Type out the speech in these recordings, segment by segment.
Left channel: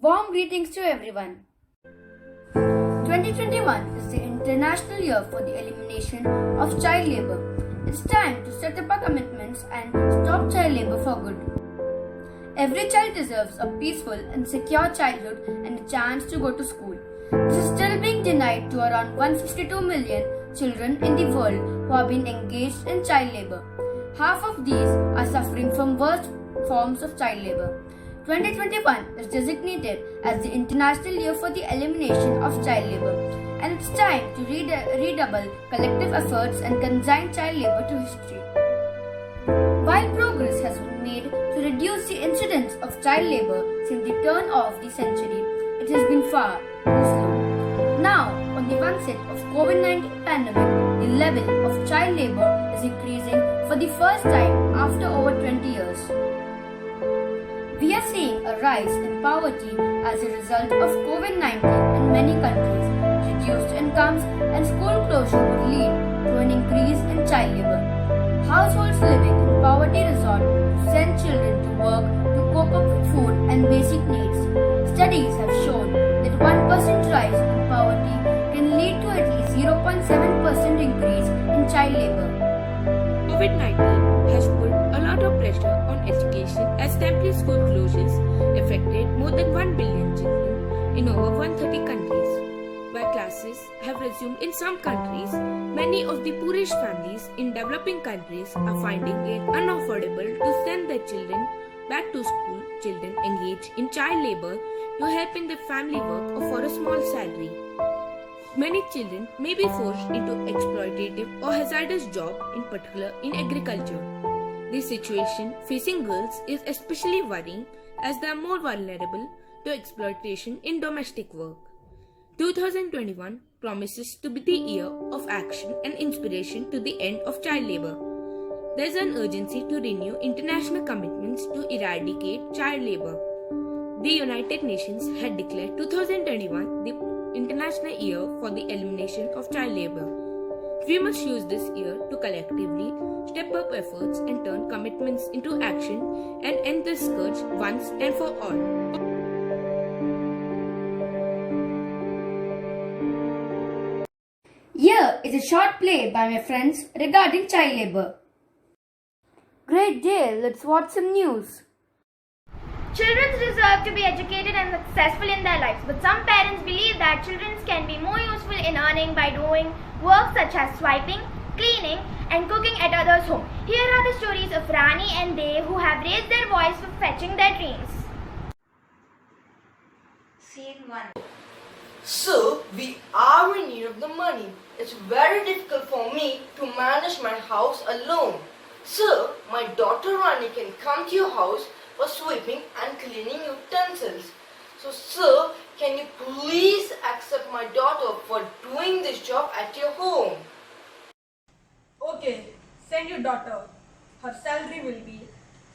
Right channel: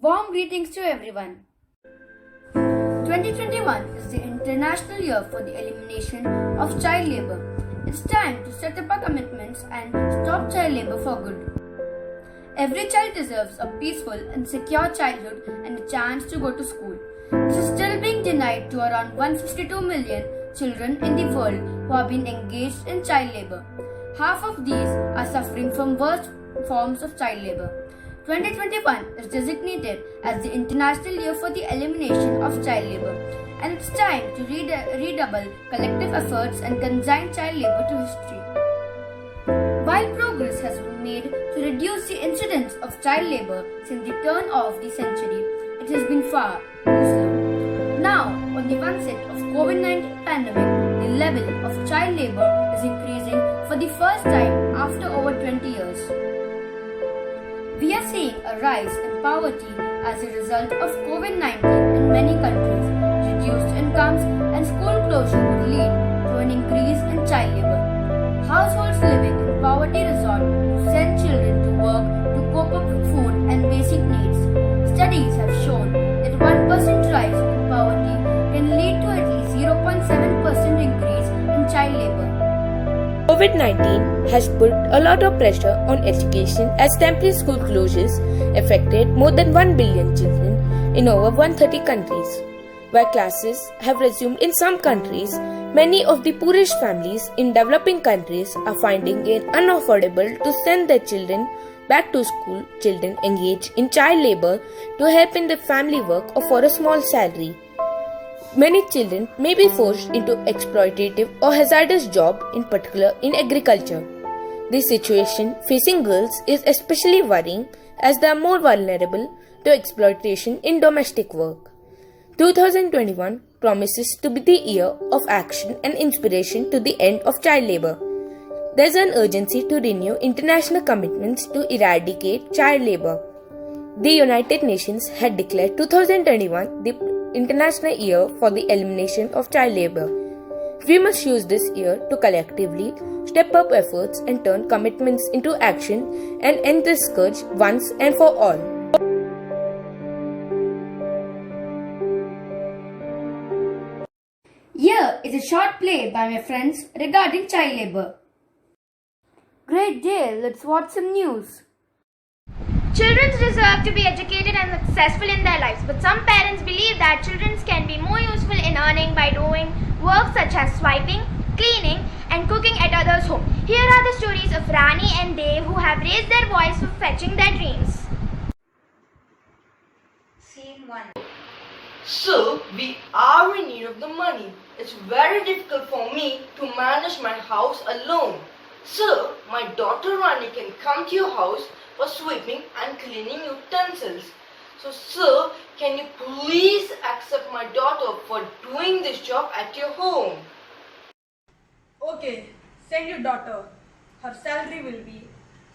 Warm greetings to everyone. 2021 is the International Year for the Elimination of Child Labour. It's time to set up our commitments and stop child labour for good. Every child deserves a peaceful and secure childhood and a chance to go to school. This is still being denied to around 152 million children in the world who have been engaged in child labour. Half of these are suffering from worst forms of child labour. 2021 is designated as the International Year for the Elimination of Child Labour, and it's time to redouble collective efforts and consign child labour to history. While progress has been made to reduce the incidence of child labour since the turn of the century, it has been far too slow. Now, on the onset of COVID-19 pandemic, the level of child labour is increasing for the first time after over 20 years. We are seeing a rise in poverty as a result of COVID-19 in many countries. Reduced incomes and school closure would lead to an increase in child labour. Households living in poverty resort to send children to work to cope up with food and basic needs. Studies have shown that 1% rise in poverty can lead to at least 0.7% increase in child labour. COVID-19 has put a lot of pressure on education as temporary school closures affected more than 1 billion children in over 130 countries. While classes have resumed in some countries, many of the poorest families in developing countries are finding it unaffordable to send their children back to school. Children engage in child labor to help in the family work or for a small salary. Many children may be forced into exploitative or hazardous jobs, in particular in agriculture. This situation facing girls is especially worrying as they are more vulnerable to exploitation in domestic work. 2021 promises to be the year of action and inspiration to the end of child labor. There is an urgency to renew international commitments to eradicate child labor. The United Nations had declared 2021 the International Year for the Elimination of Child Labour. We must use this year to collectively step up efforts and turn commitments into action and end this scourge once and for all. Here is a short play by my friends regarding child labour. Great day, let's watch some news. Children deserve to be educated and successful in their lives, but some parents believe that children can be more useful in earning by doing work such as swiping, cleaning, and cooking at others' home. Here are the stories of Rani and Dev who have raised their voice for fetching their dreams. Scene 1. So, we are in need of the money. It's very difficult for me to manage my house alone. So, my daughter Rani can come to your house for sweeping and cleaning utensils. So, sir, can you please accept my daughter for doing this job at your home? Okay, send your daughter. Her salary will be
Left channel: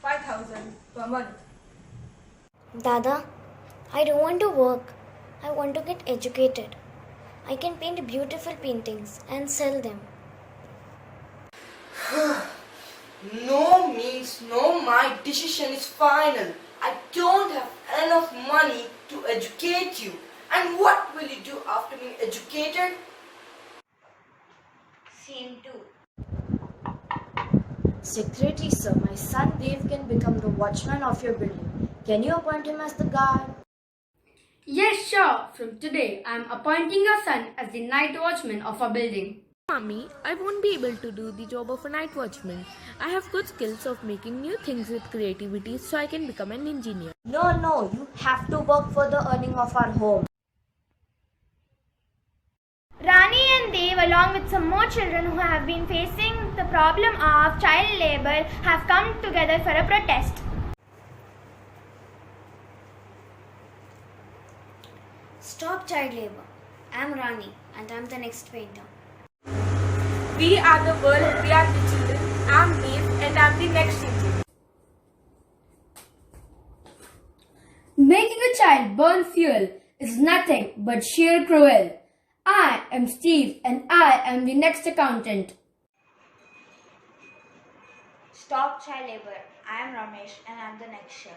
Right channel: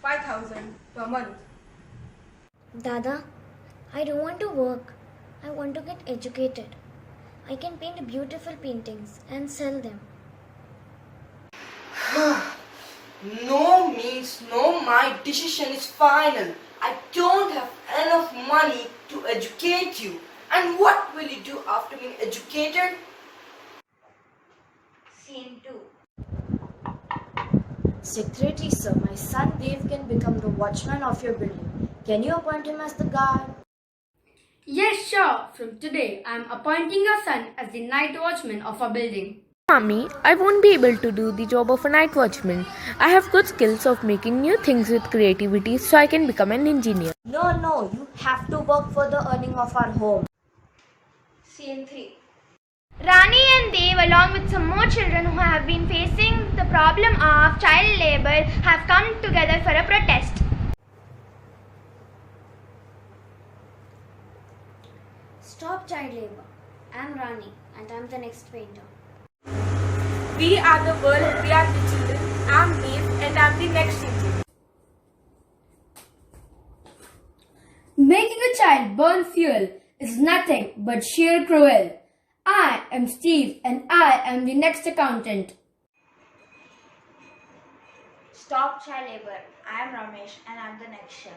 5,000 per month. Dada, I don't want to work. I want to get educated. I can paint beautiful paintings and sell them. No means no, my decision is final. I don't have enough money to educate you. And what will you do after being educated? Scene 2. Secretary sir, my son Dev can become the watchman of your building. Can you appoint him as the guard? Yes, sure. From today, I am appointing your son as the night watchman of our building. Mommy, I won't be able to do the job of a night watchman. I have good skills of making new things with creativity, so I can become an engineer. No, you have to work for the earning of our home. Scene 3. Rani and Dev, along with some more children who have been facing the problem of child labour, have come together for a protest. Stop child labour. I'm Rani and I'm the next painter. We are the world, we are the children. I'm Dev and I'm the next engineer. Making a child burn fuel is nothing but sheer cruel. I am Steve and I am the next accountant. Stop child labour. I am Ramesh and I am the next chef.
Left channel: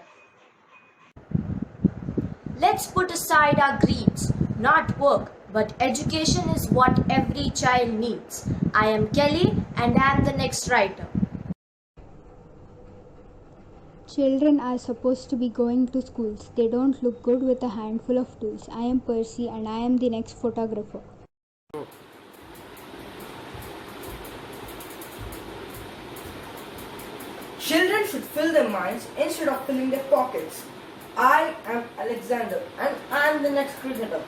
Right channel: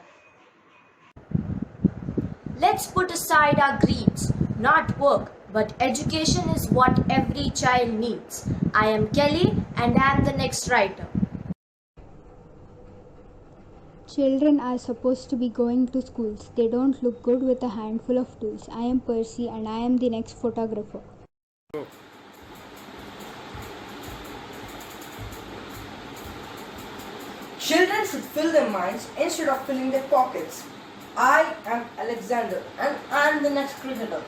Let's put aside our greeds, not work, but education is what every child needs. I am Kelly and I am the next writer. Children are supposed to be going to schools. They don't look good with a handful of tools. I am Percy and I am the next photographer. Children should fill their minds instead of filling their pockets. I am Alexander and I am the next cricketer.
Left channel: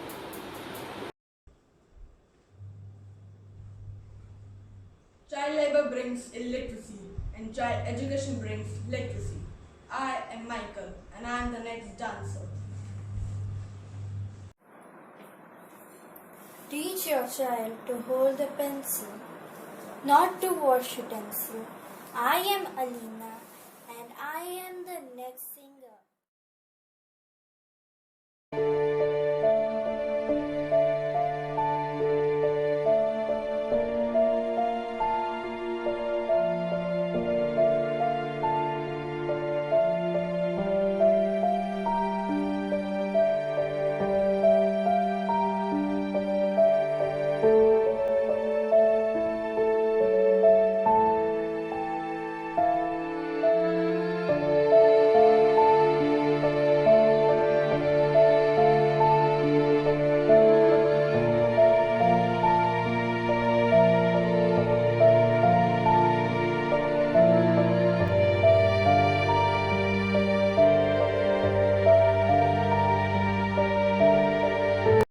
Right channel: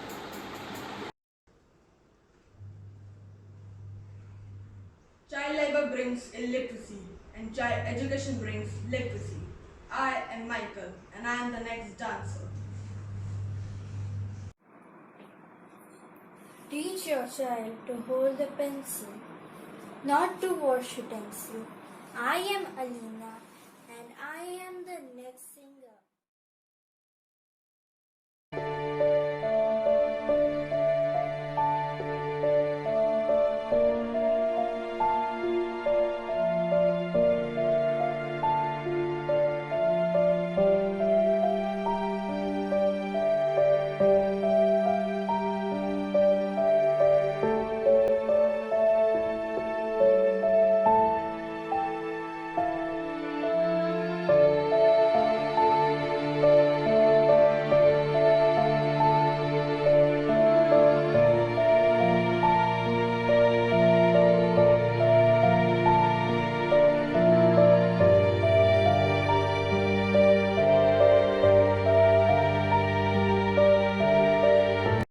Child labor brings illiteracy and child education brings literacy. I am Michael and I am the next dancer. Teach your child to hold the pencil, not to wash utensil. I am Alina and I am the next